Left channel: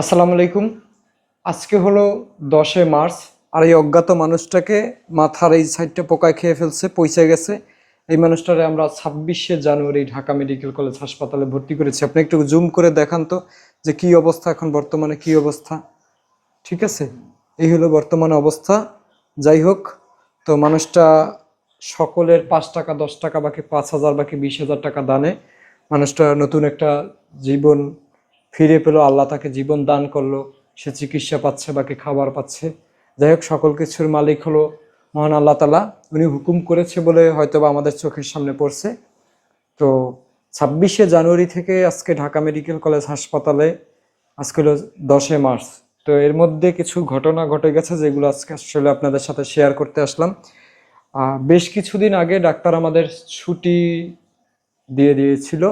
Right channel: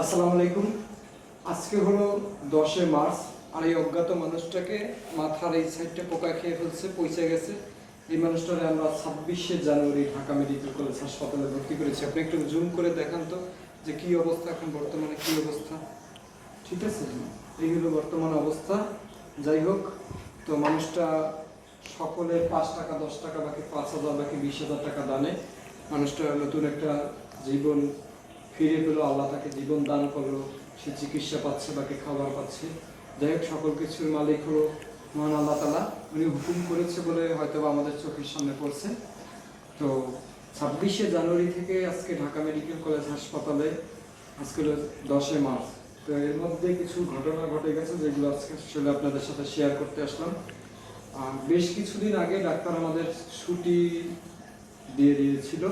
আসসালামু আলাইকুম। আজকে হলো দশে মার্চ, আর এই অজ্ঞাত মানুষটাকে মাথার এই সাইডটা পোকায় খেয়ে ফেলছে পয়সা গেছে। এই মানুষটারে আমরা ছাব্বিশে জানুয়ারি ঢাকা মেডিকেল কলেজ হাসপাতালে ভর্তি করেছি। আপনি একটু জুম করে দেখান তো যে কি অবস্থা, এখন বর্তমানে কি অবস্থা। ঠিক আছে? এই হলো বর্তমানে অবস্থা। যাই হোক, তো মানুষটা সকলের পাঁচ টাকা, দশ টাকা, বাকি পাঁচ হাজার, বাকি বিশ হাজার টাকা দানে। মানুষটা নতুন একটা জীবন ফিরে পেল, আল্লাহ তাকে জীবন দান করল, সে চিকিৎসা পাচ্ছে, বাকি খাবার পাচ্ছে। যাই হোক, সকল কিছুর মালিক হলো মহান আল্লাহ তালা উনি হুকুম করেছে বলে হয়তো বা আমাদের চোখের সামনে পড়ছে। তো ছাব্বিশে জানুয়ারি থেকে আজকে ঢাকা মেডিকেল কলেজ হাসপাতালে, আজকে হলো দশে মার্চ। তো এর মধ্যে কিছু ঘটনা ঘটে গেছে যেগুলো আজকে আসলে আপনাদের সাথে শেয়ার করতে আসলাম। বেশ কিছুদিন আগে ডাক্তার আমাদের ছুটি দিয়ে দিয়েছিল।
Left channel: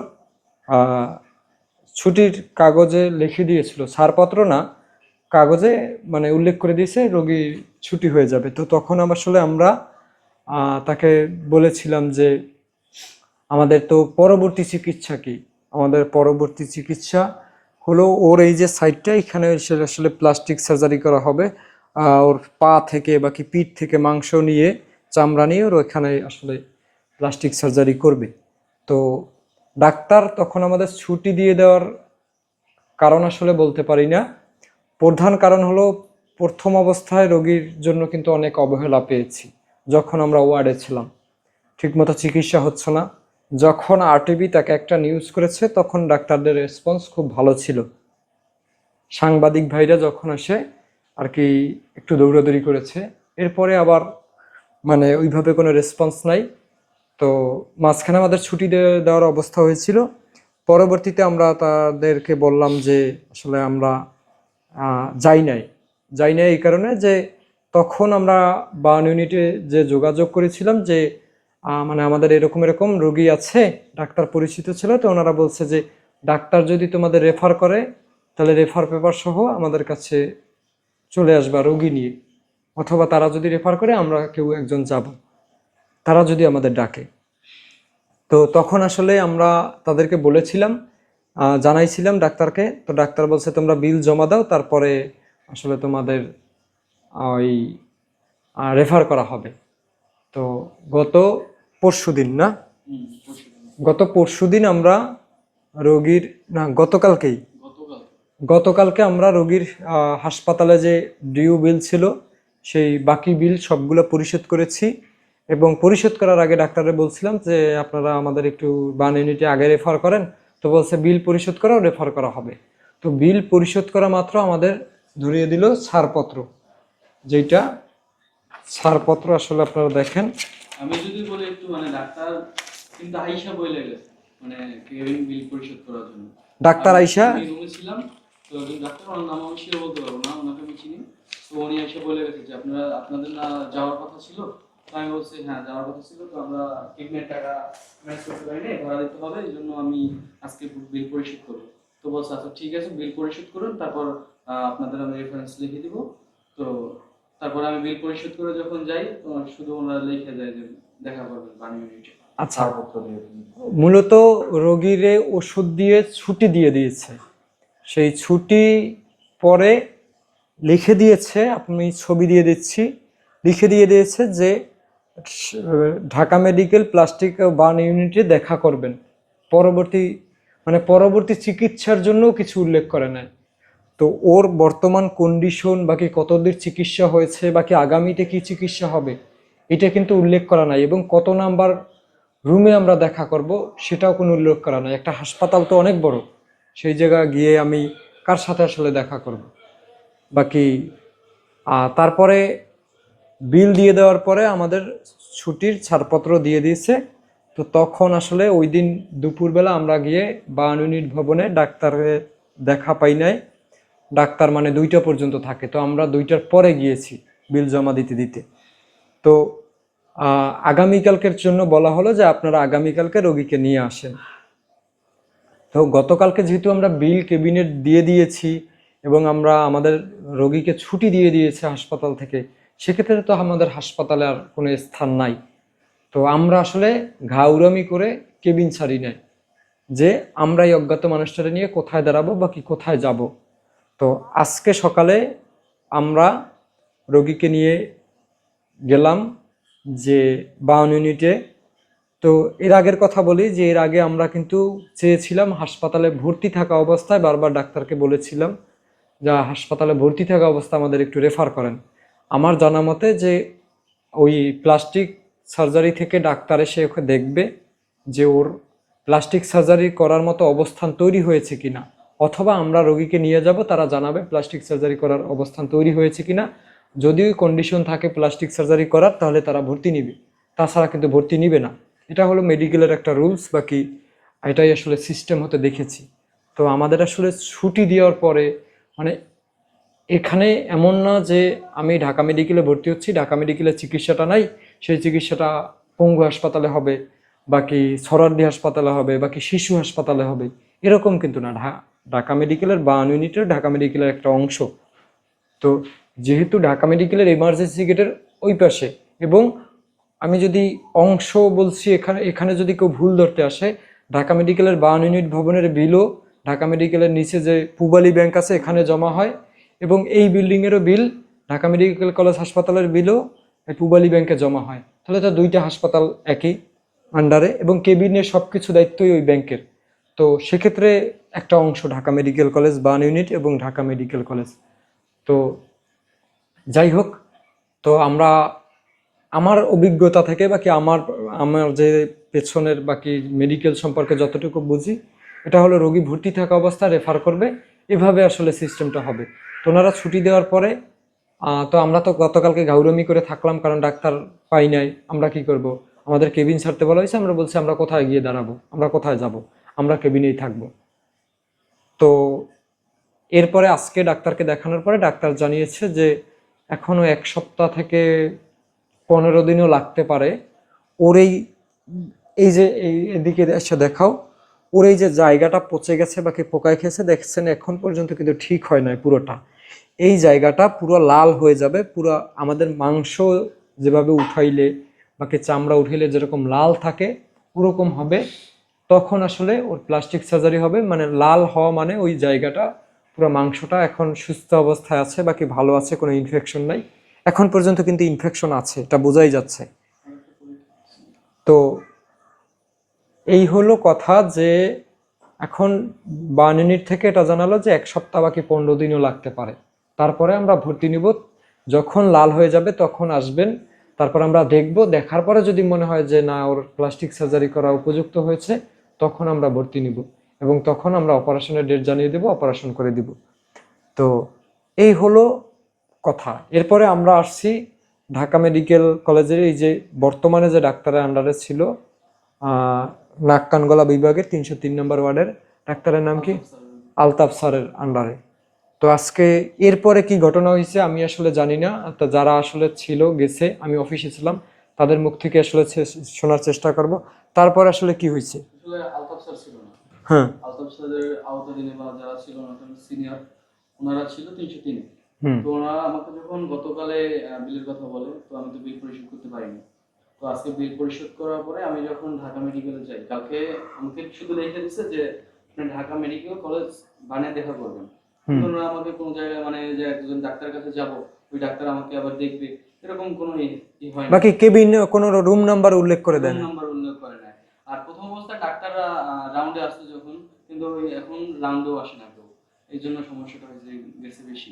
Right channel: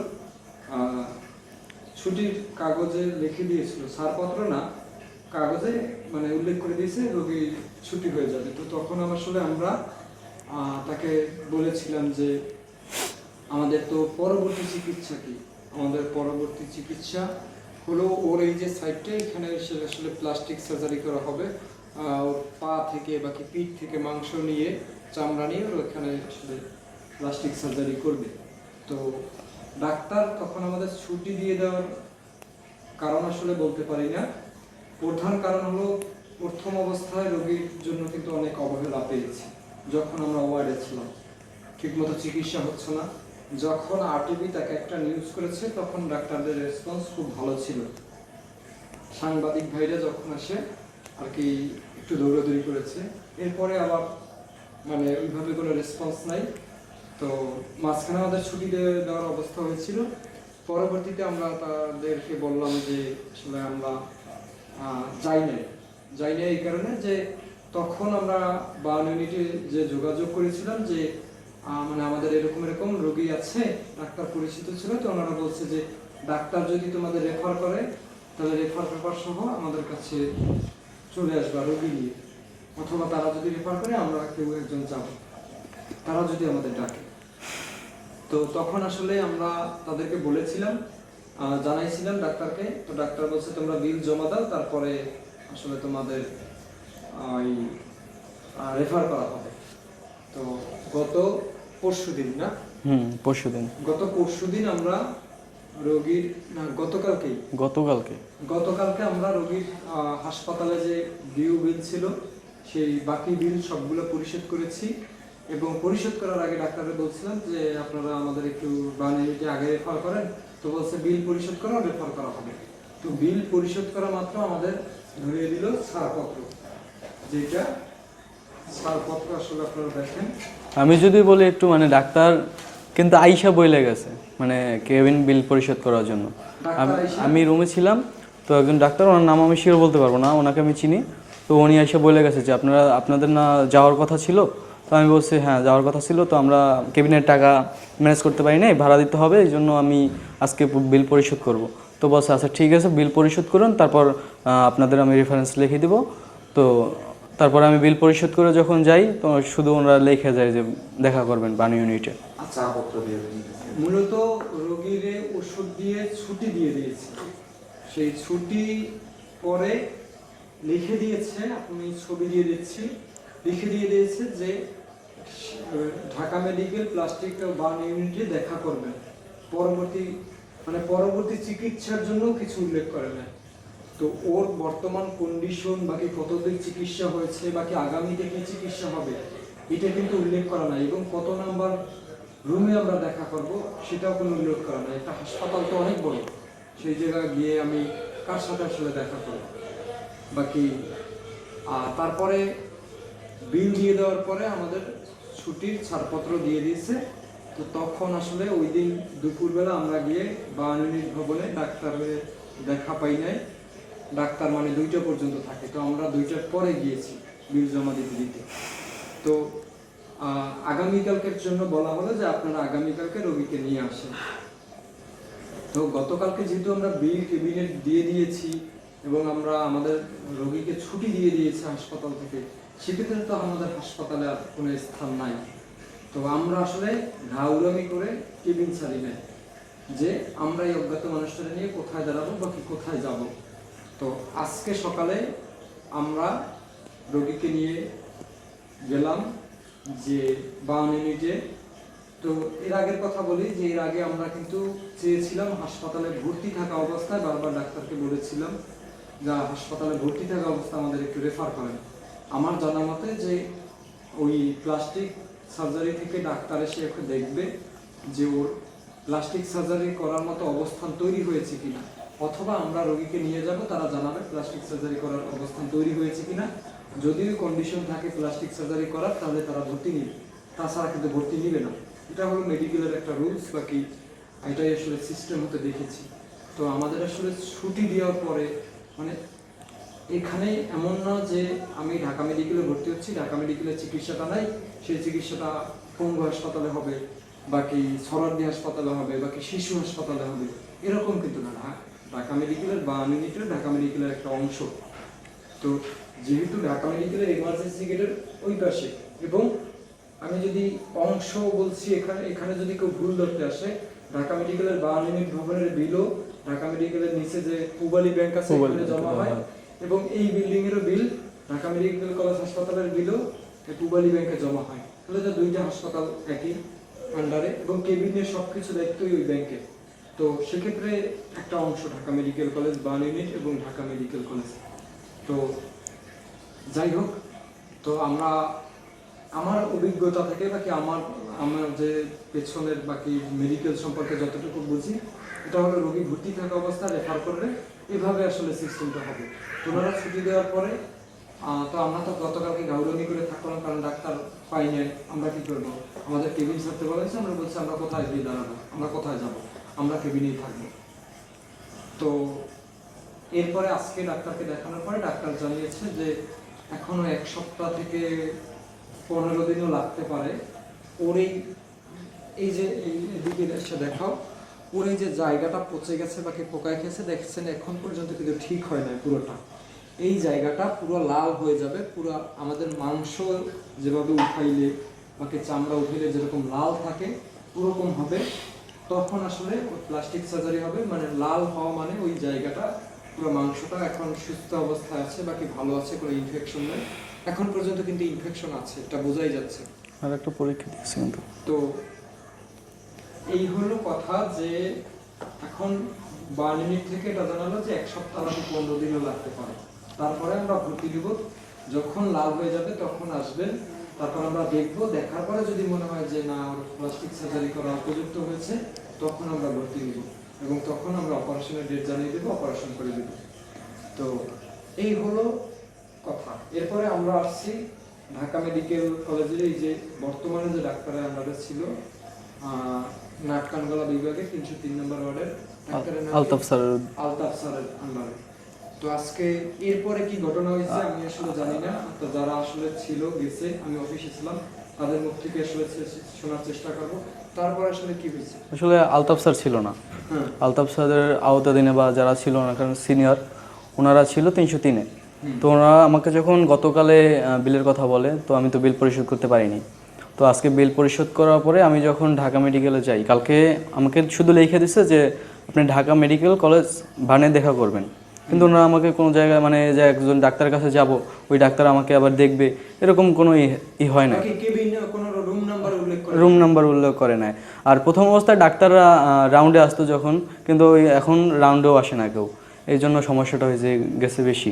ছুটির কাগজে লিখে দিয়েছিল। ছাড়পত্র না, কাগজে মানে উল্লেখ করে দিয়েছে রোগী ছুটি হয়ে যাবে। তো তখন আসলে আমরা তাকে বলেছিলাম যে, আমাদের তো পরবর্তী চিকিৎসা কি? আমাদের পরবর্তী চিকিৎসা হলো ওর এই যে সাইডটা এখানে আসলে প্লাস্টিক সার্জারি করা হবে। ওর পা থেকে বাকি পিঠ থেকে মাংস নিয়ে, চামড়া নিয়ে ওর ওইখানে আসলে প্লাস্টিক সার্জারি করবে। তো ডাক্তার তখন আমাদের ছুটি দিয়ে দেওয়ার কারণ আসলে বলতে পারি না। প্রধান কারণ হলো প্রথম অবস্থায় রোগীর জন্য কিন্তু অনেক অবহেলা পেয়েছি, যখন আমরা ওয়ার্ডে ছিলাম। ঠিকমতো চিকিৎসা হচ্ছে না। যখন আরটিভি তাকে একটা নিউজ করেছে, তখন ডাক্তারদের রেসপন্স খুব ভালো ছিল। সাংবাদিক ভাইরা যখন আসে, আর কি একটু দৌড়াদৌড়ি করেছে, এরপরে আবার মানে ওইভাবে কোনো রেসপন্স নাই। তো মাঝখানে আমাদের ছুটি দেওয়ার অবস্থা হয়েছিল। পরবর্তীতে আমরা তাদেরকে বললাম যে, আসলে আমরা যাই নাই। যাই নাই এই কারণে যে, তখন আমরা বার্ন ইউনিটে যে যোগাযোগ করেছিলাম যে মানে আমাদের এরকম এরকম রোগী আছে, ডাক্তার পরিচিত ছিল, তো ওনারা বলছে যে, ডাক্তার যদি তোমাদের রেফার করে, তাহলে রেফার পেপার সহ আমাদের কাছে চলে আসবা রোগী নিয়ে। অথবা তারা যদি রেফার করে, আমরা কেউ একজন যাব। তারা যদি আমাদের ডাকে। তো তখন আসলে আমরা তাদেরকে বলেছিলাম জানাইছিলাম ডাক্তারকে। তো ডাক্তার বলছে তোমরা বিল জমা দাও তারপরে আসলে তোমাদের ওই রেফার করা হবে। তো গত পরশু দিন না? হুম পরশু দিন। গত পরশু দিন আমরা রোগীর না গতকালকেই। গতকালকে। গতকালকে আমরা রোগীর হাসপাতালে যে ডিউ বিল ছিল সেই বাকি বিল সবগুলো পরিশোধ করেছি। এবং পরিশোধ করার আগে ডাক্তারে বলছিলাম যে আপনারা আমাদের একটু বান ইউনিটে আগে রেফার করেন। তো বলছে বিল পরিশোধ করাও রেফার করা হবে। তো বিল পরিশোধ করা মাত্র আমাদের ধরিয়ে দিল ছাড়পত্র যেটা ছাড়পত্র আসলে আপনারা দেখেন। আমি যদি বলি একটু মানে ডাক্তার কিন্তু আইসা বইলে গেছে মানে কেবিন বিল পরিশোধ করার জন্য। ডাক্তার আইসা? আমি রুমে ছিলাম তো একজন ডাক্তার ওনার নাম আমি সেও বলতে পারব না ওনাকে আমি চিনি। তো উনি আইসা বলে গেছে যে আপনারা আপনাদের না যাওয়ার কথা ছিল তো আমি বলছি হ্যাঁ যাওয়ার কথা ছিল তো আমরা কেবিনের টাকা ম্যানেজ করতে পারি নাই ভাড়া দিতে হবে এই জন্য আমি আজকে বিল পরিশোধ করব। তো বলছে আচ্ছা ঠিক আছে বিল পরিশোধ করুন তারপর আপনাদের আমি রেফারেন্স লিখে দেবো। তো তারপরে আমি বিল পরিশোধ করে যখন যাই তো শুধু ওনারা লিখে যায় যে দেখা করবেন বানি ইউনিটে। আচ্ছা। মূলত রোগীরে ওষুধ দিয়ে ছুটি দিয়ে দিয়েছে। সেই ছুটি পরে লিখে দিয়েছে আমি ছবি দিয়ে দিচ্ছি লিখে দিয়ে দিয়েছে যে ঢাকা মেডিকেল প্লাস্টিক বার্ন ইউনিটে দেখা করবেন। পরবর্তী মানে পরবর্তী চিকিৎসার জন্যও কিছু উল্লেখ করে নাই তো ওর বর্তমান কন্ডিশন বাকি কতদিন চিকিৎসা হয়েছে বাকি আগামীতে কি চিকিৎসা হবে, এটা কিন্তু উল্লেখ করা নাই এবং কত নাম্বার রুমে আমরা দেখা করব সেটাও কোনো উল্লেখ করা নাই। একটা হাসপাতাল তো অনেক বড়, সেই জায়গায় গিয়ে আমি কার সাথে আসলে দেখা করব? বাকি তারপরে বিল দিয়ে দেওয়ার পরে আমাদের ছুটির ছাড়পত্র দিয়ে দিয়েছে। তো তখন আসলে ওই দিন দুপুরবেলা আমরা গিয়ে ইউনিট ভবনে ডাক্তারের দেখা পাই নাই। ডাক্তার মানে দুইটা পর্যন্ত থাকে। তো আমরা দুইটার পরে গিয়েছি বিল জমা দিতে দিতে। তো আগামীকালকের জন্য বলা হলো যে আপনারা আগামীকালকে রোগীকে নিয়ে আসেন। তো গতকালকে যেহেতু আমরা বিল ক্যাবিনেট দিয়ে দিয়েছি এবং আমরা আমাদের রোগীকে ছুটি দিয়ে দিয়েছি হাসপাতাল থেকে সেক্ষেত্রে তো আমাদের হাসপাতালে আর কোনো স্থান নাই। তো আমরা আসলে ঘাউরামি করে কেবিন ছাড়ি নাই যে আমরা এই অজ্ঞাত মানুষটাকে নিয়ে কোথায় দাঁড়াবো বা কি কোথায় যাব। তো আজকে সকালে আমরা রোগীকে নিয়ে গেলাম যে বাউন ইউনিটে। তো এর আগের কথা বলি যে এর আগে আমরা কিন্তু চেয়েছিলাম হাসপাতালে ভর্তি থাকা অবস্থায় বারবার ডাক্তারকে বলেছিলাম, যা হাসপাতালে ভর্তি থাকা অবস্থা আমাদের একটু রেফার করেন। আমার জানা মতে যে ওই প্লাস্টিক সার্জারি থেকে ডাক্তার এসে ওকে দেখবে যে ওর প্লাস্টিক সার্জারি করার মতো অবস্থান তৈরি হয়েছে কিনা। অথবা আমরা রোগীকে নিয়ে যাব, তারা জানাবে প্লাস্টিক সার্জারি করার অবস্থান তৈরি হয়েছে কি না যদি কন্ডিশন থাকে প্লাস্টিক সার্জারি করার, তাহলে তারা ভর্তি নিবে। তাছাড়া কিন্তু ভর্তি নিবে না। এটা হলো মেডিকেলের একটা রুলস বাকি এটাই আসলে সিস্টেম হতে দেখেছি। তো আমাদের আসলে ছুটি দেওয়ার পরে মানে এখানে এমন না যে আমি ঢাকা মেডিকেলে ভর্তি হচ্ছি ঢাকা মেডিকেলের চিকিৎসাটা নাই সেই চিকিৎসাটা পঙ্গু হাসপাতালে হবে বাকি সরার্দি হাসপাতালে হবে বাকি শিশু হাসপাতালে হবে এরকম কিন্তু না। ঢা- ঢাকা মেডিকেলের বান ইউনিটের ঢাকা মেডিকেলের একটা অংশ। তো যেহেতু ঢাকা মেডিকেলের এমার্জেন্সি গেটের ওই পাশে এবং আমি যদি অংশ বলছি এখানে এখানে যদি কেউ ভুল ধরতে আসে ঢাকা মেডিকেলের বান ইউনিট ভবনের বিলও ঢাকা মেডিকেলের নিচে যে পুবালি ব্যাংক আছে এখানে জমা হয়। এবং এই বিল্ডিংয়েরও বিল ঢাকা মেডিকেল কলেজ হাসপাতালের বিলও পুবালি ব্যাংকে জমা হয়। তাহলে তো দুইটা হাসপাতাল একই আন্ডারে এবং কেবিনের সব কিছু দায়িত্বই ওই ব্যাংকের। তো সেক্ষেত্রে একটা অংশ Dhaka medical college burn unit এবং ঢাকা মেডিকেল কলেজ। তো যাই হোক, তো আমরা আমার অভিজ্ঞতা থেকে বাকি আমার আমার যে পেছনের বাকি মেডিকেল সম্পর্কে যতটুকু বুঝি, এটা হলো রোগী ভর্তি থাকা অবস্থা রেফার করবে। এভাবে আসলে সিস্টেমটা হবে। তো ওনারা ছুটি দেওয়ার পরে তো আমরা তো গতকালকে গাউরমি করে থাকলাম, কারণ ডাক্তার পাই নাই। আমরা কি করব? আমাদের কেবিন ছাড়তে বলা হয়েছে, আমরা বলছি, আমরা কোথায় গিয়ে দাঁড়াবো? আমরা কোথায় যাব? আমরা কেবিনেই থাকব। তো এরপরে আজকে ডাক্তারকে দেখানোর পরে ডাক্তার জানিয়েছে যে এখনও এক সপ্তাহ থেকে পনেরো দিনও লাগতে পারে। ওর এই এই যে, এই এদিকে এসে দেখাও ওর এই যে জায়গাটা পচে গেছে বাকি পোকায় খেয়েছে দেখছেন এখন পর্যন্ত কিন্তু ঠিক হয় না পুরোটা। এই জায়গাটা পুরো লাল হয়ে যাবে পুরো আমাদের মাংস যেভাবে উঠাইলে বাকি চামড়া উঠাইলে যেরকম লাল থাকে ওরকম হবে। তখন আসলে ওর প্লাস্টিক সার্জারি হবে মানে লাল হওয়া মানে ওই জায়গাটা পুরো মাংসটা এখন সুস্থ অবস্থায় আছে বাকি ভালো আছে কোনো ইনফেকশন নাই। এখন পর্যন্ত কিন্তু ইনফেকশন আছে এটা বোঝাই যাচ্ছে। আর একটা পরীক্ষা দিয়েছি কিন্তু। তো এই হলো কথা যে এখন বান ইউনিট থেকে এটা জানালো যে এক সপ্তাহ বাকি পনেরো দিনও লাগতে পারে। তারপরে আমরা ভর্তি নিব, যখন লাল হয়ে যাবে তখন আসবেন। তারপর আমরা দেখব, দেখার পরে যদি মনে হয় যে না, ওর প্লাস্টিক সার্জারি করা উপযুক্ত হয়েছে, তখন আমরা ভর্তি নিব এবং তখন আমরা অপারেশনের ডেট জানিয়ে দেবো অপারেশন করে দিব। তো এই হলো কথা। এরপরে আমরা আসছি ঢাকা মেডিকেল কলেজের এই যে বর্তমানে যে ডাক্তারের আন্ডারে ছিল নাক কান গলা বিভাগের তিনশো তিন নম্বর ওয়ার্ডের ডাক্তারের নাম আলতাফ স্যারের। আলতাফ স্যারের আন্ডারে। তো আজকে এরপরে কি ঘটনা হয়েছে আমি আসলে জানি না। তো যারা আসলে ছিল গেছে আমি অফিসে ছিলাম তাদের মুখ থেকে আসলে শোনার চেষ্টা করব। তারপর আসলে কি হয়েছে? আসলে আলতাফ স্যার ছিল না। হ্যাঁ। আলতাফ স্যারের আওতাধীনে বা যারা ছিল না কারণ সিনিয়র ওনারা ছিল তিনশো তিনে। তো ওনারা আমাকে যখন গতকালে বিলের কথা বলে তো আমি তো বিল পরিশোধ করতে পারিনি। তো আজকে বিল পরিশোধ করার পরে আমি যখন ঢাকা মেডিকেলে যাই কালকে আমাকে শুধু লিখে দিছে যে আপনি ঢাকা মেডিকেল কলেজ বানে দেখা করবেন। কিন্তু ওনারা আমাকে কোনো জায়গায় মানে যে একজন ডাক্তারের কাছে যাব ওই ডাক্তার আমাকে আবার দেখবে এরকম কোনো ই- হয় না। বাকি কেবিন কোনো রুম নাম্বার উল্লেখ করে রুম নাম্বার উল্লেখ করে নাই। আর প্রথম অবস্থায় ডাক্তাররা রাউন্ডে আসতো যখন কিন্তু ওই এখন রাউন্ডেও আসে না কেউ। এই জন্য সমস্যাটা হয়েছে গেছে বেশি।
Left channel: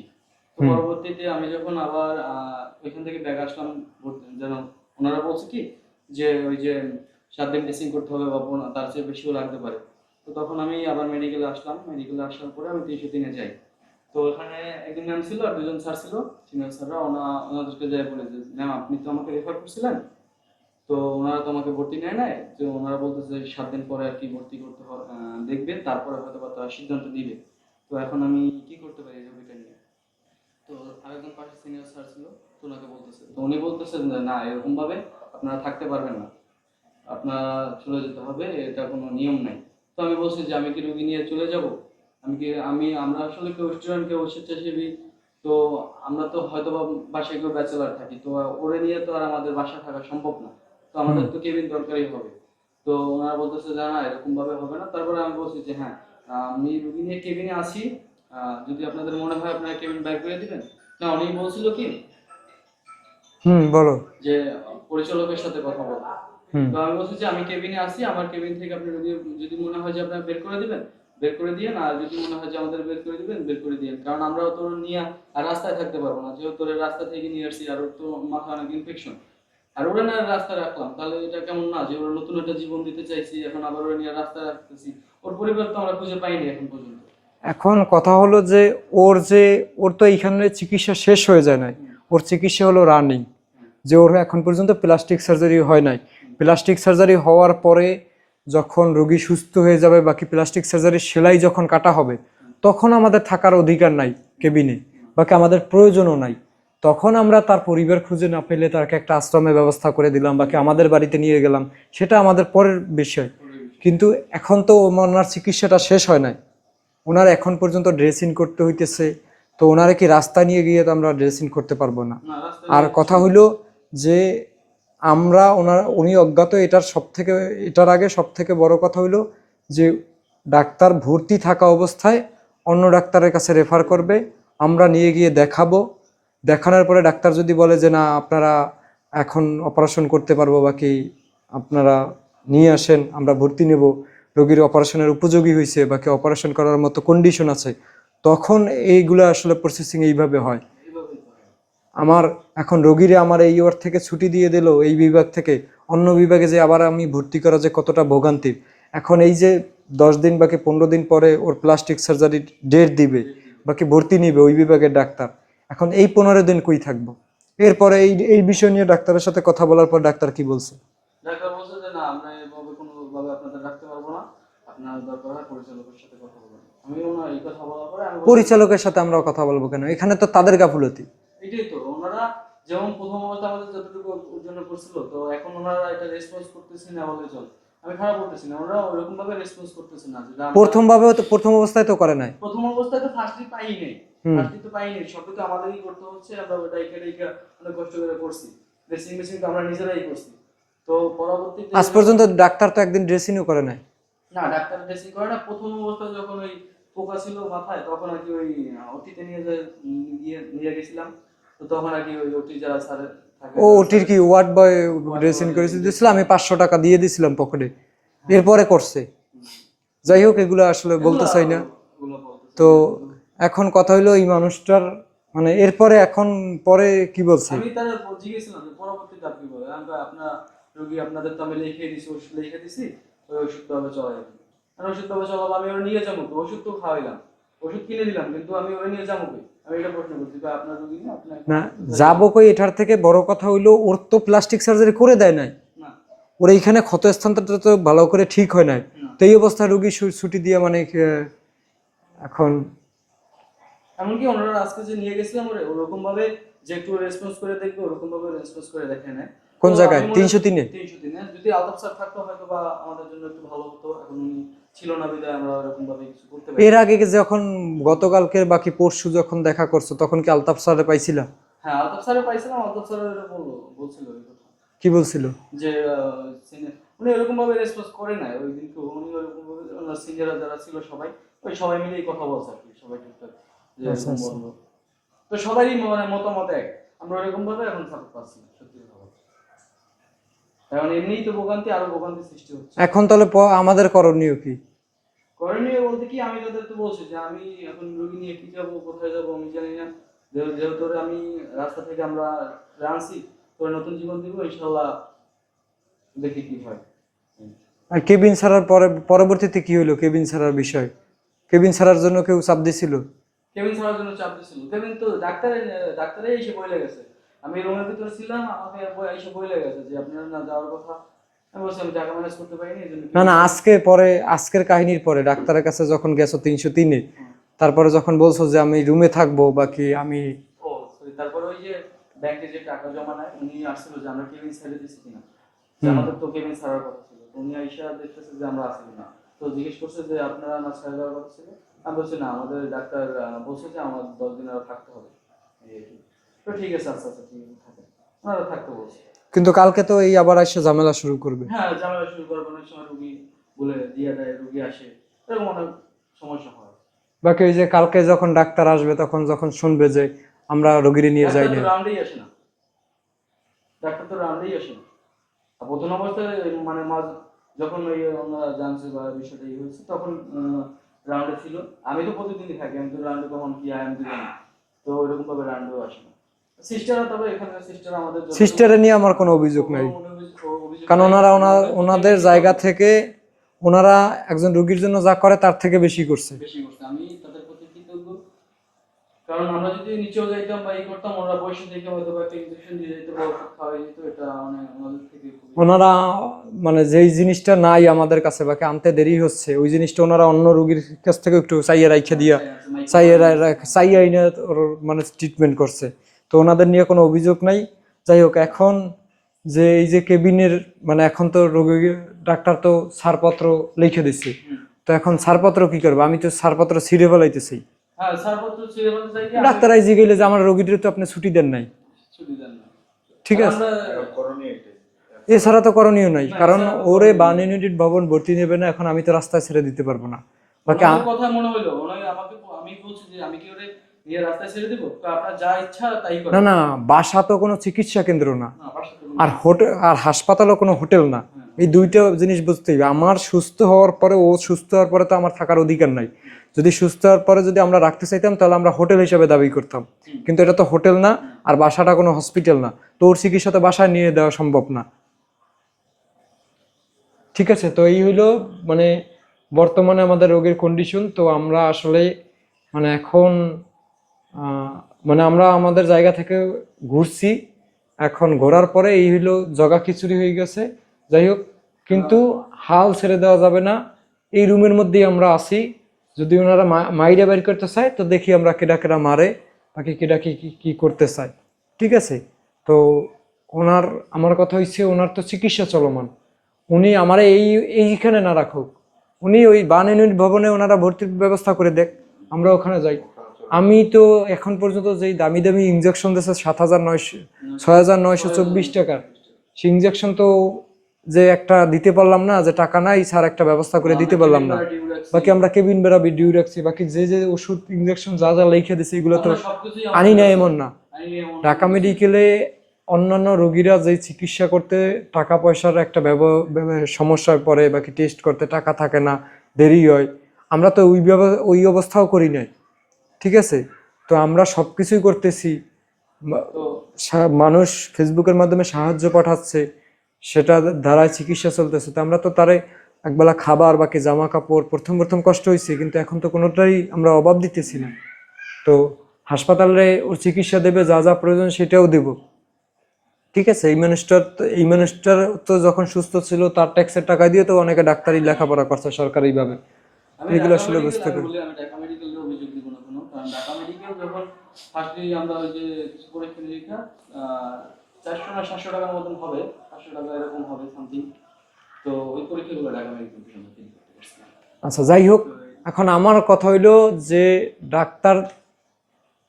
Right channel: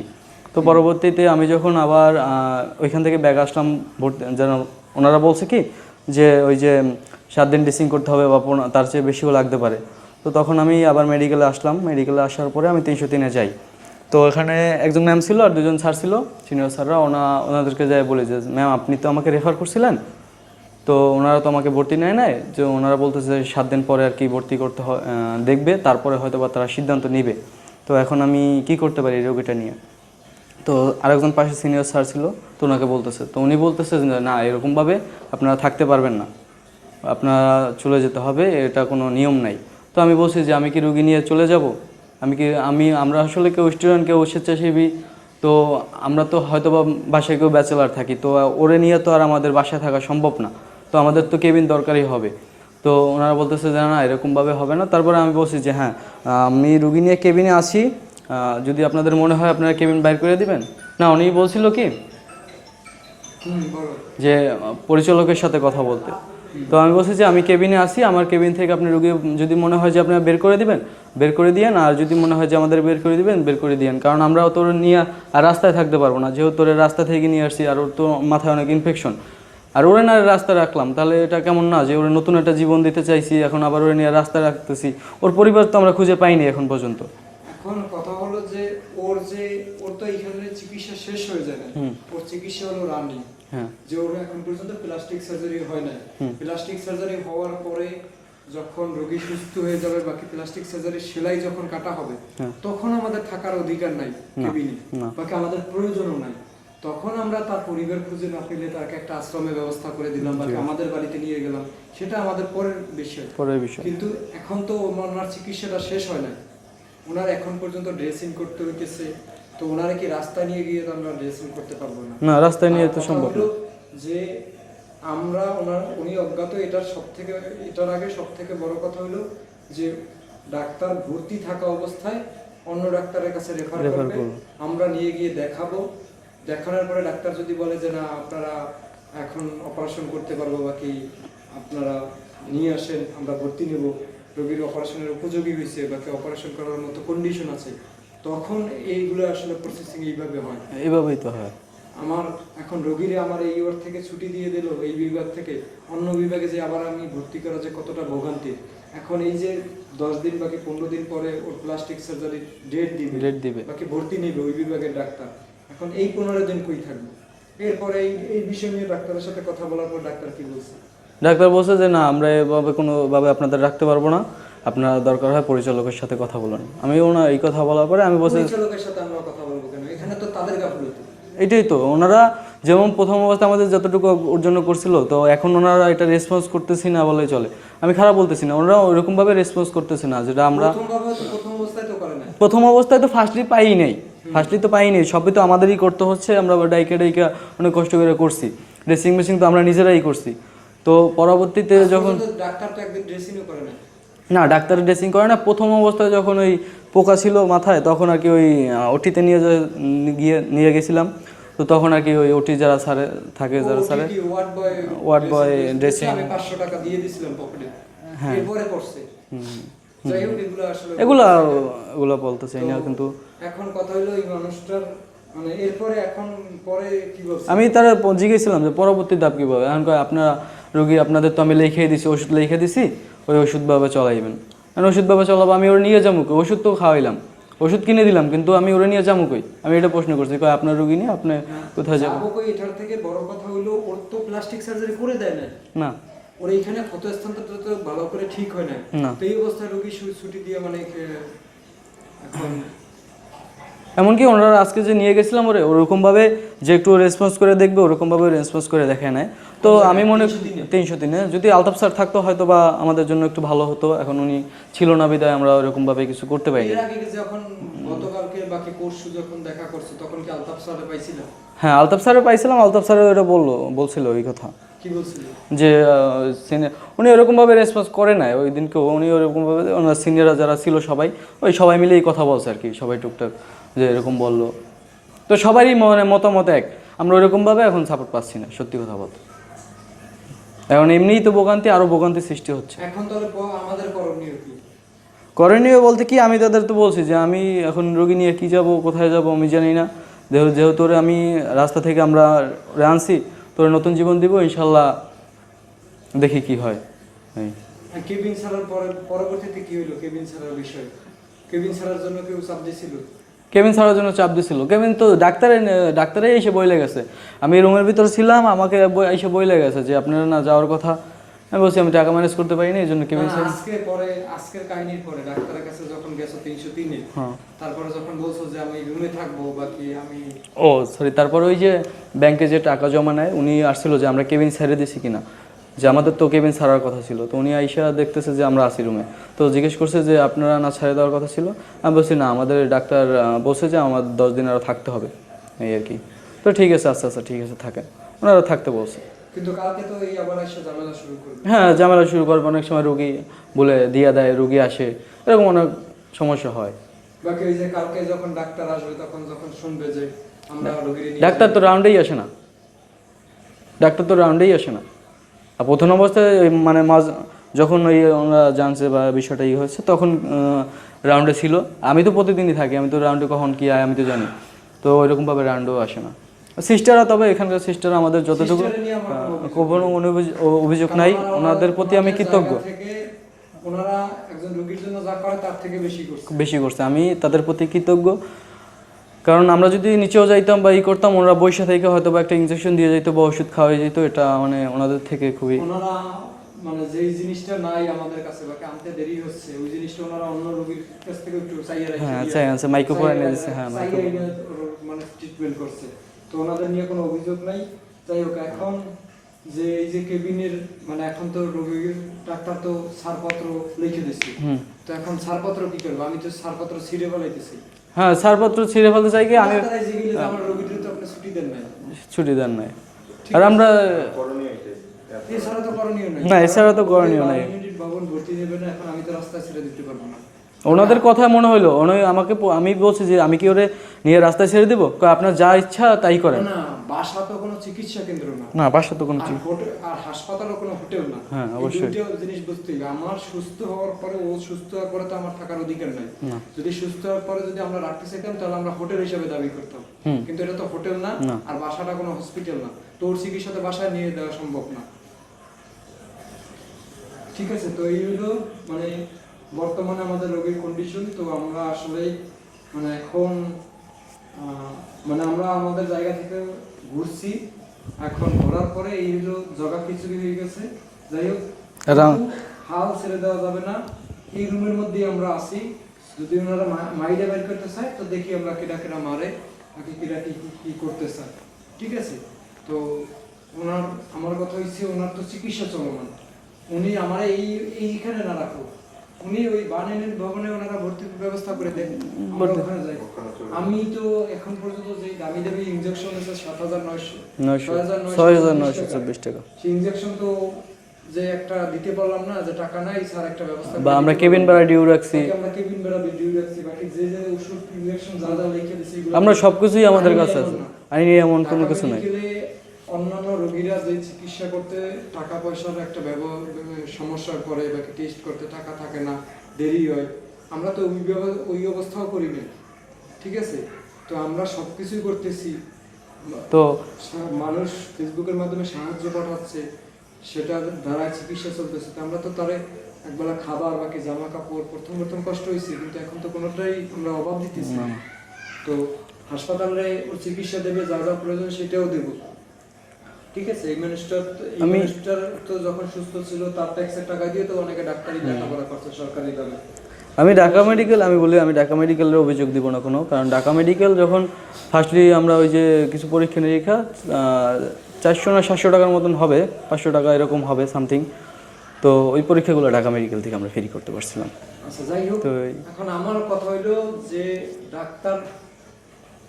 তো পরবর্তীতে আমি যখন আবার ওইখান থেকে ব্যাগ আসলাম ভর্তি যেন ওনারা বলছে কি যে ওই যে সাত দিন ড্রেসিং করতে হবে বা তার চেয়ে বেশিও লাগতে পারে। তো তখন আমি আবার মেডিকেলে আসলাম। মেডিকেলে আসার পরে আমি তিনশো তিনে যাই। তো এখানে একজন ম্যাম ছিল আর দুজন স্যার ছিল সিনিয়র স্যাররা ওনা, ওনাদেরকে যাই বলে যে ম্যাম আপনি তো আমাকে রেফার করছিলেন? তো ওনারা তো আমাকে ভর্তি নেয় নাই। যে ওনারা বলতেছে সাত দিন পরে আর কি ভর্তি করতে দেখবে। তারপরে হয়তো বা তারা সিদ্ধান্ত নেবে। তো এখন আমি কি করতে পারি রোগীটা নিয়ে? তো আরেকজন পাশে সিনিয়র স্যার ছিল, তো ওনাকে বলতেছে। তো উনি বলতেছে না, এরকমভাবে আপনারা থাকতে পারবেন না। আপনারা চলে যেতে হবে, এটা কোনো নিয়ম নাই। তো আমি বলছি যে, আমি কি রুগী নিয়ে চলে যাব? আমি কি, আমি, আমরা আসলে কেউ স্টুডেন্ট কেউ স্বেচ্ছাসেবী, তো আমরা তো হয়তো বা বাসায় কেউ ব্যাচেলার থাকি, তো ওরে নিয়ে তো আর আমাদের বাসায় থাকা সম্ভব না। তো আমাদের তো কেবিন দরকারই হবে। তো ওনারা বলতেছে যে, না এরকমভাবে হবে না। তারপরে আমি বলছি যে হ্যাঁ আমি রুগী নিয়ে কেবিনে আসি যদি আপনাদের মনে হয় আপনারা কেবিন বাইর করে দিবেন। না উনি বলছিল কি? হুম বলো। যে পরিচালকের সাথে কথা বলতে। তো আমি বলছি যে আমি কেবিনে আসি আমার কেবিন থেকে আপনি রুগী যদি মনে হয় যে আপনারা বের করে দিবেন বের করে দিয়েন আর যদি মনে হয় যে আমাদের বের করে দিবেন বের করে দিয়েন। কারণ আমরা তোর নিয়ে আর রাস্তায় থাকতে পারব না। যেহেতু তোর রাস্তা থেকে নিয়ে আসছি আর ওর তো মাথায় অনেক ইনফেকশন আর ওরে না রাস্তা রাখলাম তাহলে এটা কেমন না? যে ওরে নতুন একটা জীবন দিতে চাইছি এখন আবার ওরে নিয়ে রাস্তা রাখতেছি। ওর পরিবার তো আমরা খুঁজে পাইনি এখন পর্যন্ত। এখন কথা হলো যে ওর যে ওর তো এইখানে চিকিৎসা শেষ হয়ে যায় নাই। ওর চিকিৎসা হলো রানিং হ্যাঁ। যে ওর এখন পর্যন্ত প্লাস্টিক সার্জারি হয় নাই। প্লাস্টিক সার্জারি হওয়ার পরে যখন রোগী সুস্থ হয়ে যাবে বাকি প্লাস্টিক সার্জারির সেলাই যখন কাটা হবে তখন আমাদের থাকার অধিকার নাই কেবিনে বাকি আমাদের প্রয়োজনও নাই। তখন আমরা তার পরিবার খুঁজে না পেলে তাকে একটা আশ্রমের ব্যবস্থা করে দিলাম বাকি আমাদের বাড়িতে নিয়ে গেলাম। সেটা আমাদের পরের বিষয়। পরের বিষয়। কিন্তু এখন তো ওনার চিকিৎসাটা শেষ হয় নাই। ওনার এখন পর্যন্ত ড্রেসিং করতে হইতেছে তো ওনারা কি রাস্তা নিয়ে গিয়ে তো আমরা ড্রেসিং করতে পারব না? না রাস্তায় আর কথা হইল যে আমরা ওনার উনি অজ্ঞাত এটার সব থেকে এটার আগে সব থেকে বড় কথা হইল যে ডাক্তার ভর্তি থাকা অবস্থায় অন্য ডাক্তারের কাছে রেফার করবে আমরা নিয়ে গিয়ে দেখাবো। দেখানোর পরে ডাক্তার যদি বলে যে না আপনারা এখন অপারেশন করতে পারব বাকি আপনারা নিয়ে আসেন আমরা ভর্তি নেব রোগীর অপারেশনের উপযোগী হয়েছে বাকি অপারেশন করার মতো কন্ডিশন আছে তখন এইগুলো আসলে প্রসেসিং এইভাবে হয়। এইভাবেই তো হয়। আমার এখন রোগীরা আমার এই ওয়ার্ড থেকে ছুটি দিয়ে দিল এই বিভাগ থেকে অন্য বিভাগে যে আবার আমি ভর্তি করা যে কতটা ভোগান্তির এখন এই যে দশ দিন বাকি পনেরো দিন পরে ওর প্লাস্টিক সার্জারি ডেট দিবে ডেট দিবে। বাকি ভর্তি নিবে ওই বিভাগের ডাক্তার এখন এই পনেরো দিন কই থাকব? এরপরে এই এই বিষয় নিয়ে ডাক্তারের সাথে কথা বলার পর ডাক্তার কি বলছে? ডাক্তার বলছে যে না আমরা এভাবে কোনোভাবে আপনাদের রাখতে পারব না। আপনার দরকার হয় পরিচালকের সাথে কথা বলুন। আমি ওনার এই কথা বলার পরে আমি পরিচালকের সাথে আমরা কথা বলব কেন? এখানে তো তাদের গাফুলতি। এটাই তো ওনারা যেমন প্রথম অবস্থা আমাদের যতটুকু অর্জন করছিল তো এখন ওনারা এটা রেসপন্স করতেছি না বলে চলে। আমি খারাপ বলতেছি না ওনারা ওইরকম ভাবে রেসপন্স করতেছে না যেটা আমরা প্রথম ভাবে প্রথম অবস্থায় তো করে নাই। প্রথম অবস্থায় তো ফার্স্টলি পাই নাই। ফার্স্টলি তো পাই নাই সবই তো আমাদেরই করতে হচ্ছে আমরা ডাইকে ডাইকে অনেক কষ্ট করে করছি। ড্রেসিং মেশিন তো আমরা নিজেরাই করছি। তো পরবর্তীতে আজ পর্যন্ত ডাক্তার তো একদিন ড্রেসিংও করে নাই। না ডাক্তার ড্রেসিং করে না। প্রথম অবস্থায় যখন ওই পোকা ছিল মাথায় তখন আর কি ওই ওটিতে নিয়ে গিয়ে নিয়ে গেছিলাম। তো তখন আর কি ওই ওটি যারা স্যারে থাকে ও ওটির কি ওয়ার্ড বয় Ward ড্রেসিং আমি পাঁচশো টাকা দিয়ে দিছিলাম পকেটে। এরপরে করছে। যাই হোক এগুলো আসলে এগুলো বলতে চাই এগুলো বলতেছে তো এখন কথা হলো এই মানুষটার মানে এরপরে এখন পরে কি বলছে? আমি তারা জিজ্ঞেসছিলাম যে পরবর্তী ধাপ কীভাবে এখন কয় আপনারা রোগী আপনাদের তো আমি লিখে দিছি ওষুধ লিখে দিছি ওই ওষুধভাবে চলাইবেন কারণ ওষুধভাবে চলাবো আমি ওর নিয়ে যাব? ওষুধ তো খাওয়াইলাম। ওষুধ কিনে দিলাম কিন্তু আমি ওরা নিয়ে যাব কই? আমি এটা প্রশ্ন করছি কই আপনার রোগী নিয়ে আপনি কোথায় যাব কই এটার থেকে বড় কথা হইল ওর তো প্লাস্টিক সার্জারি করে দেয় নাই। না। ওর এইখানে ক্ষত স্থানটা তো ভালো করে ঠিক হয় নাই। না। তো এই অবস্থায় রুগী ছুটি দিয়ে মানে এখন এমনকি ওনারা আজকে যে নিয়ে গেছিলাম ওরে ওরকমভাবে যে একটু রেসপন্স করে দেখবে ওরকমভাবে রেসপন্স করে দেখে নেয়। তো আমি মনে 303 এ? তিনশো তিনে। যদি আলতাফ স্যার থাকতো হয়তো বা আমাদের জন্য একটু ভালো হতো। এখন উনি ছিল না বিদায় আমরা ওরকম ভাবে কিছু করতে পারি এর আগে যখন গতকালকে বাকি পরশু যখন দেখা করছ তখন কি আলতাফ স্যারে পাইছিলাম? হ্যাঁ আলতাফ স্যারও পাইছিলাম আলতাফ স্যারও এটা বলল বলছিল ওই কথা। কি বলছিল? যে উনি ওরকম ভাবে রেসপন্স করে নাই। ওই দিনকে উনি ওরকম ভাবে ওনার সিনিয়ররা যারা ছিল সবাই ওই সবাই মিলেই কথা বলছে আর কি সবাই টুকটাক যে এরকম বলল। তো সবারই মানে মতামত এক। আমরা ওরকম ভাবে এখন সাপোর্ট পাচ্ছি না সত্যি কথা বলতে। এখন এমনিই তো ভোগান্তি আরও ভোগান্তি সৃষ্টি হচ্ছে। এখন তাহলে আমাদের করণীয় কি? করণীয় বলতে কি আমি তাদের তো বলছি যে আমি এখন রোগী নিয়ে কি যাব কোথায় যাব আমি জানি না। যেহেতু যেহেতু আমি রাস্তা থেকে আমরা আনছি তোর নতুন জীবন দিব ইনশাল্লাহ দেখি কি হয়। আর কেবিন ছাড়ার পরে পরবর্তীতে কি হলো কেবিন ছাড়ার বিষয়? কেবিন ছাড়ার জন্য কেউ চাপ দিছিল? কেবিন ছাড়ার জন্য চাপ দিছিল। কেবিন তো ডাক্তারে ডাক্তারে এসে বইলে গেছে। আমি রুমের ভিতরে ছিলাম আমাকে এসে বইলে গেছে যে আপনারা না যাওয়ার কথা। আমি বলছি আমি টাকা ম্যানেজ করতে পারিনি এই জন্য না না আজকে পরে আজকের কাহিনীর পরে ডাক্তারের কাছে যখন গেছো তিনশো তিনে হ্যাঁ। তারপরে যখন বলছো যে আমি রুমে থাকব বাকি আমি ও সরি তারপর ওই যে ব্যাংকে যে টাকা জমা নেয় উনি আসছিল যে আমরা কেবিন ছেড়ে দিছি কিনা? যে আমাদের তো কেবিন ছাড়ার কথা ছিল। তো উনি আইসা দেখতেছে যে আমরা আছি রুমে তো জিজ্ঞেস করছে যে আপনারা না ছেড়ে দেওয়ার কথা ছিল? আমি বলছি না আমাদের ডাক্তার বলছে যে আমার দশ দিন আরও থাকতে হবে। এই আর কি। তো ঠিক আছে আচ্ছা আচ্ছা ঠিক আছে থাকেন। ওনারা থাকতে বলছে। কিন্তু কালকে তো এই আবার এসে ঝামেলা শুরু করবে। হ্যাঁ ঝামেলা শুরু করবে। অনেক সময় রুগী বলে দিয়া দেয় রুগী আসে। এরকম অনেক সমস্যা হয়। বাকি ওই যে কালকে যখন ডাক্তার আসবে তখন যখন শুনবে যে আমরা রোগীর নিয়ে ডাক্তার তো রাউন্ডেই আসে না। ডাক্তার তো রাউন্ডেই আসে না। প্রথম অবস্থায় মানে মাঝ যখন ওই ওনারা জানছে বা বিষয়টা ই হয়েছে তখন রাউন্ডে ছিল। আমি তো প্রতিদিনই থাকি আমি তো রাউন্ডে কখন কি আয় আমি তো জানি। তো ওইরকমভাবে রাউন্ডেও আসে না। সিস্টাররা তবে এখানকার আমাদের যত সিস্টারে নিয়ে আমার কোনো অভিযোগ অভিযোগ- কারণ ওনারা ওনাদের ওনাদের জায়গা থেকে ওনারা একজন রোগীর জন্য যা করে তার থেকে বেশি করছে। বেশি করছে। আমি তাদের প্রতি কৃতজ্ঞ। কারণ আমরা যদি নিচেও যাইতাম বা ই করতাম ওনারা বৈশা থেকে হয়তো বা একটা ইনজেকশন দিয়ে যেত বা ওষুধ খাওয়াই যেত এটা মানে ওনাদের থেকে খুবই ওনারা মানে যেই জিনিসটা নাই আমাদের কাছে বাকি আনতে দেরি হচ্ছে ওই জিনিসটা ওনারা অন্য রোগীর কাছ থেকে একটু চাইয়ে রাখে দিয়ে চাইয়ে আইনে মানে ট্রিটমেন্ট করছে। তো ওনাদের নিয়ে কোনো অভিযোগ নাই। যাই হোক এখন যে এই যে কেবিনের মানে এখন তো রোগীর ডাক্তার তো ছাড়পত্র লিখে দিচ্ছে তো এখন ছাড়পত্র কি করব? আমি তো ছাড়পত্র ছিঁড়ে ফেলাইতেছি। হ্যাঁ ছাড়পত্র ছিঁড়ে ফেলতে চাই কি? ডাক্তার আইজি গেলে যে আমার রোগীদের তো আপনি ছুটি দেন নাই। ছুটি দেন নাই। ঠিক আছে। আমরা এছাড়া তো করণীয় নাই কারণ এছাড়া তো ওরে বান ইউনিট ভবন ভর্তি নেবে না এখন আমি তো রাস্তায় ছেড়ে দিতে পারব না। ওনাদের কথা মনে হলো। উনি আমাকে আমি বলছি যে আমি কি ওরে নিয়ে রাস্তায় ছেড়ে দিব? আপনার যা ইচ্ছা তাই করে না না বাসা তো কোনো চিকিৎসা কেন্দ্র না। না বাসা তো কোনো আর হোটেল আর হাসপাতালও কোনো হোটেল না। হ্যাঁ, এই দুইটা জিনিস বুঝতে হবে। আমার সুস্থ হওয়ার পরে ও সুস্থ হওয়ার পরে তো আমার থাকার অধিকার নাই। যদি সুস্থ হওয়ার পরে যদি আমরা রাখতে চাইতাম তাহলে আমরা হোটেল হিসেবে দাবি করতাম। কিন্তু এটা তো হোটেল না। আর বাসাটা কোনো হসপিটাল না। তো ওর চিকিৎসা তো বাসায় নিয়ে দেওয়া সম্ভব না। ঠিক আছে তো এই হইল মানে বর্তমানে আমাদের রোগের কন্ডিশন তো আমরা আসলে মানে এখন মানে আমরা আমাদের জায়গা থেকে ঘুরছি। এখন ঘোরার পরে এই হইল জগা খিচুড়ি হয়ে গেছে। যাই হোক কিন্তু হাল ছেড়ে দেওয়া যাবে না। এই রুমের মধ্যেই আমরা আছি। যদি ওনারা মাইরে বের করতে চায় তো দেখি আমরা কেডা কেডা মারে বাকি কেডা কি কি- কি করতে চায়। ঠিক আছে? তো ওনার আমার কথা হচ্ছে ওনার তো চিকিৎসা চলমান। উনি আমার এই এইখানে না রাখুক। উনি ওই বান ইউনিট ভবনে ওনারা ভর্তির ব্যবস্থা করে দেখ আমরা ওখানে যাই। আমি তো এখন পর্যন্ত যে দামি দামি ইনজেকশন দিয়েছে সাত হাজার নয়শো ছয় হাজার নয়শো চব্বিশ টাকা। সেই ইনজেকশন তো যে একটা দিতে পারলাম না যে টাকা নাই স্যার একটা ব্যবস্থা করে আমরা দিতে পারলাম না। ডিউ রাখছি বাকি আমরা কেবিন বেড়া ডিউ রাখছি বাকি যে যে ওষুধ ইনজেকশন যা যা লিখে দিছি এগুলো আমরা সবকিছুই আমাদের আনি না এমন না। আনি এমন ঢাকা মেডিকেলে অন্যান্য রোগীরা যে চিকিৎসা করতে টাকা পয়সার একটা সমস্যায় পড়ে বাকি টেস্ট করতে টাকা থাকে না দেরি হয় আমরা তো ওই ব্যব- ওই অবস্থাও করি নাই ঠিক আছে? তো আমরা সব কিছুই করতেছি তো মানুষ ফেসবুকের মাধ্যমে সাহায্য পাঠাচ্ছে সেটা দ্বারাই চিকিৎসা চলতেছে তো আমরা তো তারে একবেলা খাবার বাকি জামা কাপড় প্রথম প্রথম কষ্ট হয়েছে কিন্তু এখন তো কোনোটাই আমরা অভাব দিতেছি না। তো হাসপাতালে ওর চিকিৎসা দেবে যা যা প্রয়োজন সেটাও দেব। ঠিক আছে এই মিনিস্টার তো- এই মিনিস্টার তো যখন সুস্থ ছিল তার ট্যাক্সের টাকা দিয়ে তো অনেকে ডাক্তারি লেখাপড়া করছে সরকারিভাবে আমি ঢাকা মেডিকেল আমি বলি আমি ঢাকা মেডিকেলের অভিযোগ দিব না কোনো কারণ ঢাকা মেডিকেল যখন ফার্স্টলি আমরা ওই যে কিছু পরীক্ষা নিরীক্ষা চারশো না সাতশো টাকার মতন হবে পাঁচশো টাকা এরকম হবে সামথিং তো ওই পরীক্ষাগুলো ঢাকা মেডিকেল থেকে আমরা ফ্রি করতে পারছিলাম। আচ্ছা যাই হোক এখন আমার কথা হইল যে ডাক্তার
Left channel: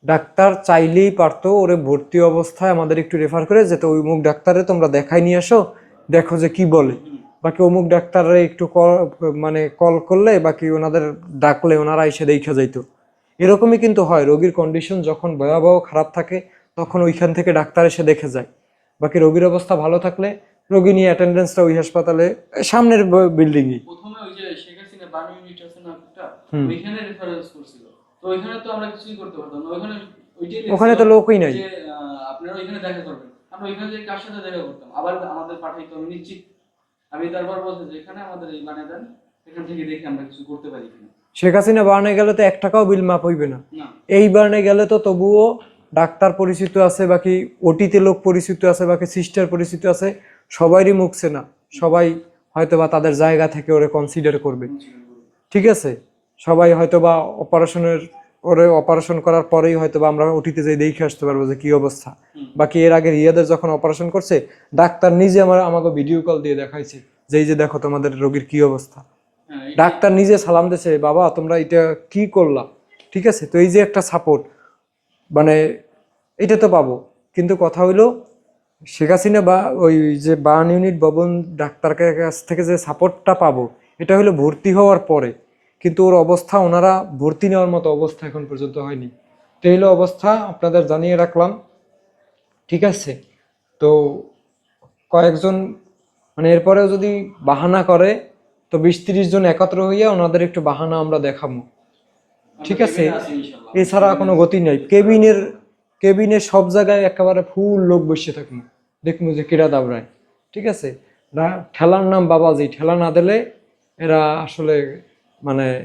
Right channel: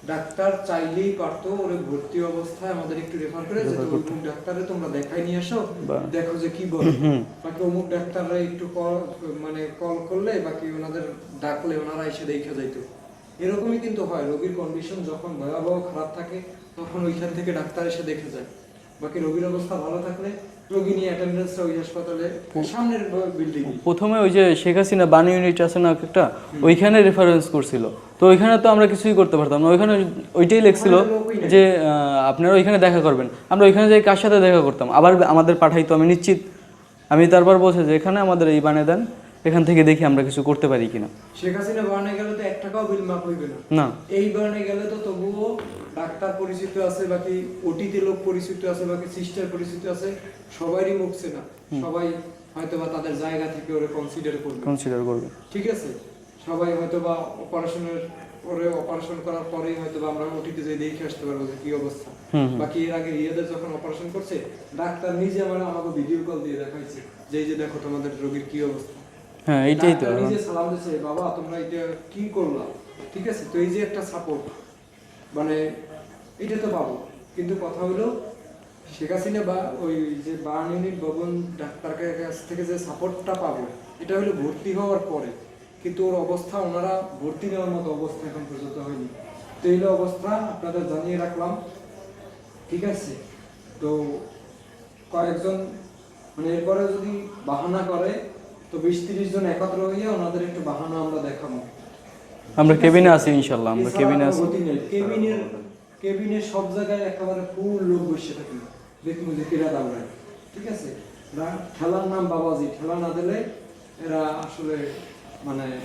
ডাক্তার চাইলেই পারতো ওরে ভর্তি অবস্থায় আমাদের একটু রেফার করে যেতে ওই মুখ ডাক্তারে তোমরা দেখাই নিয়ে আসো দেখো যে কি বলে। বাকি অমুক ডাক্তাররে একটু কল- মানে কল করলে বাকি ওনাদের ডাকলে ওনারা এসে দেখে যাইতো। এরকমই কিন্তু হয় রোগীর কন্ডিশন যখন ভয়াবহ খারাপ থাকে তখন ওইখান থেকে ডাক্তার এসে দেখে যায়। বাকি রোগীর অবস্থা ভালো থাকলে রোগী নিয়ে অ্যাটেন্ডেন্সটা ওই হাসপাতালে সামনের বিল্ডিংই প্রথমে ওই যে শেখ হাসিনা বানি ইউনিট আছে না একটা ওইখানে রেফারেন্স করছিল। তো ওইখানে তো আমরা কিছুই করতে পারতাম না। ওইখানে ওইটাই লেখছিল যে আপনারা ওইখানে দেখা করবেন। আমরা ওইখানে যাই কার সাথে দেখা করতাম? আবার আমাদের পাঠাইতো আমি নিশ্চিত। আমি তারপর বলছি যে এখানে আমাদের এই বানিয়ে দেন এখান থেকে দেখি আমরা কিছু করতে পারি কিনা। শেখ হাসিনা বার্নে গেলে তো এক টাকাও বিল মাপ হইবে না। না। এই বার্নে গেলে তো তবুও ডাক্তার পরিচিত আছে বাকি ওটিতে লোক পরিচিত আছে বাকি সিস্টার পরিচিত আছে সবারই মুখছে না সবাই হয়তো বা তাদের জায়গা থেকে ওরে কনসিডার করবে। কনসিডার করবে। ঠিক আছে? সবাই হয়তো বা অপারেশনের ওরে অপারেশন করার পরেই হয়তো বা আমরা ওটিতে যাই দেখে আসতে পারব যে কি অবস্থা। বাকি এর আগে রিয়াদের যখন অপারেশন করছে ডাক্তার নিজে আমার আমাকে ভিডিও কল দিয়ে দেখাইছে যে এই যে দেখো তোমাদের রোগীর কি অবস্থা। হ্যাঁ ডাক্তার নিজে সালাম দিছে বাবা তোমরা এটা কি করলা? ঠিক আছে? তো এই যে একটা সাপোর্ট মানে এটা তো পাবো। কিন্তু কথা হইল, শেখ হাসিনা বা ওই যে বার্ন ইউনিট ভবন ডাক্তার কাছ থেকে যে সাপোর্টটা পাবো, এটা হলো ভর্তি হওয়ার পরে। কিন্তু ওর অবস্থা ওনারা ভর্তি নেওয়ার মতো অবস্থা এখন পর্যন্ত হয়নি। তো হলো অবস্থা, আপনাদের জানিয়ে রাখলাম। ঠিক আছে? তো কয়েকজন মানে এরপরেও যদি বাহানা করে, তো বিশ তিরিশ জন একত্র হইয়া ওনাদের একটু বাহানা আমরা দেখাবো। আমরা কেবিনে আছি। ইনশাল্লাহ এছাড়া কোনো গতি নেই। কেবিনের কেবিনের সব জায়গায় একেবারে ফুল লোক বসে থাকেন দেখুন যে কেরা দাবড়ায়। ঠিক আছে? না- ঠেলার নাম বাবাজি। ঠেলা না দিলে এরা আসলে মানে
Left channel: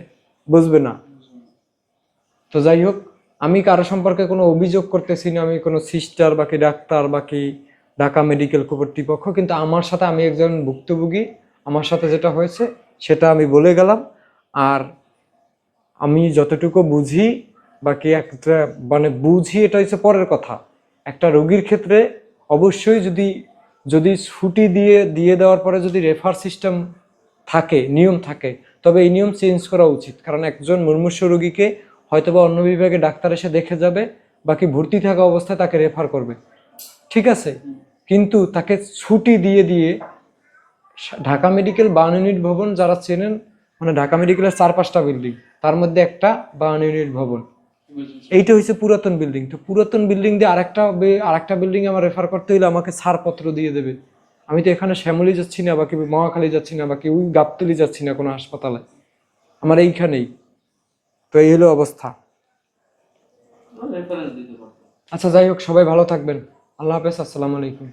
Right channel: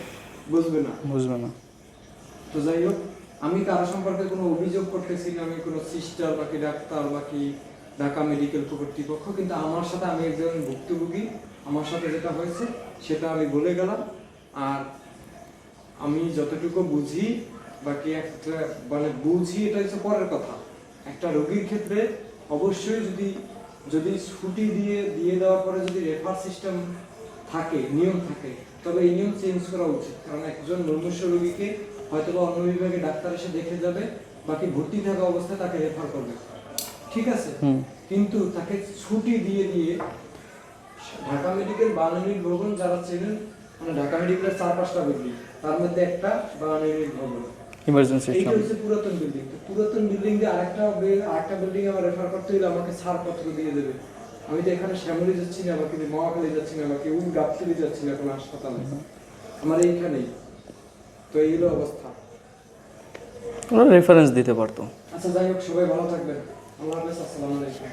বুঝবে না। বুঝবে না। তো যাই হোক আমি কারও সম্পর্কে কোনো অভিযোগ করতেছি না আমি কোনো সিস্টার বাকি ডাক্তার বাকি ঢাকা মেডিকেল কর্তৃপক্ষ কিন্তু আমার সাথে আমি একজন ভুক্তভোগী। আমার সাথে যেটা হয়েছে সেটা আমি বলে গেলাম। আর আমি যতটুকু বুঝি বাকি একটা মানে বুঝি এটা হচ্ছে পরের কথা। একটা রোগীর ক্ষেত্রে অবশ্যই যদি যদি ছুটি দিয়ে দিয়ে দেওয়ার পরে যদি রেফার সিস্টেম থাকে নিয়ম থাকে তবে এই নিয়ম চেঞ্জ করা উচিত। কারণ একজন মুমূর্ষু রোগীকে হয়তোবা অন্য বিভাগে ডাক্তার এসে দেখে যাবে বাকি ভর্তি থাকা অবস্থায় তাকে রেফার করবে। ঠিক আছে? কিন্তু তাকে ছুটি দিয়ে দিয়ে ঢাকা মেডিকেল বান ইউনিট ভবন যারা চেনেন মানে ঢাকা মেডিকেলের চার পাঁচটা বিল্ডিং তার মধ্যে একটা বান ইউনিট ভবন ইমার্জেন্সি এইটা হচ্ছে পুরাতন বিল্ডিং তো পুরাতন বিল্ডিং দিয়ে আরেকটা আরেকটা বিল্ডিং আমার রেফার করতে হলে আমাকে ছাড়পত্র দিয়ে দেবে। আমি তো এখানে শ্যামলি যাচ্ছি না বা কেউ মহাখালী যাচ্ছি না বা কেউ গাবতলি যাচ্ছি না কোনো হাসপাতালে। আমার এইখানেই। তো এই হলো অবস্থা। রেফারেন্স দিতে পারতো। আচ্ছা যাই হোক সবাই ভালো থাকবেন। আল্লাহ হাফেজ আসসালামু আলাইকুম।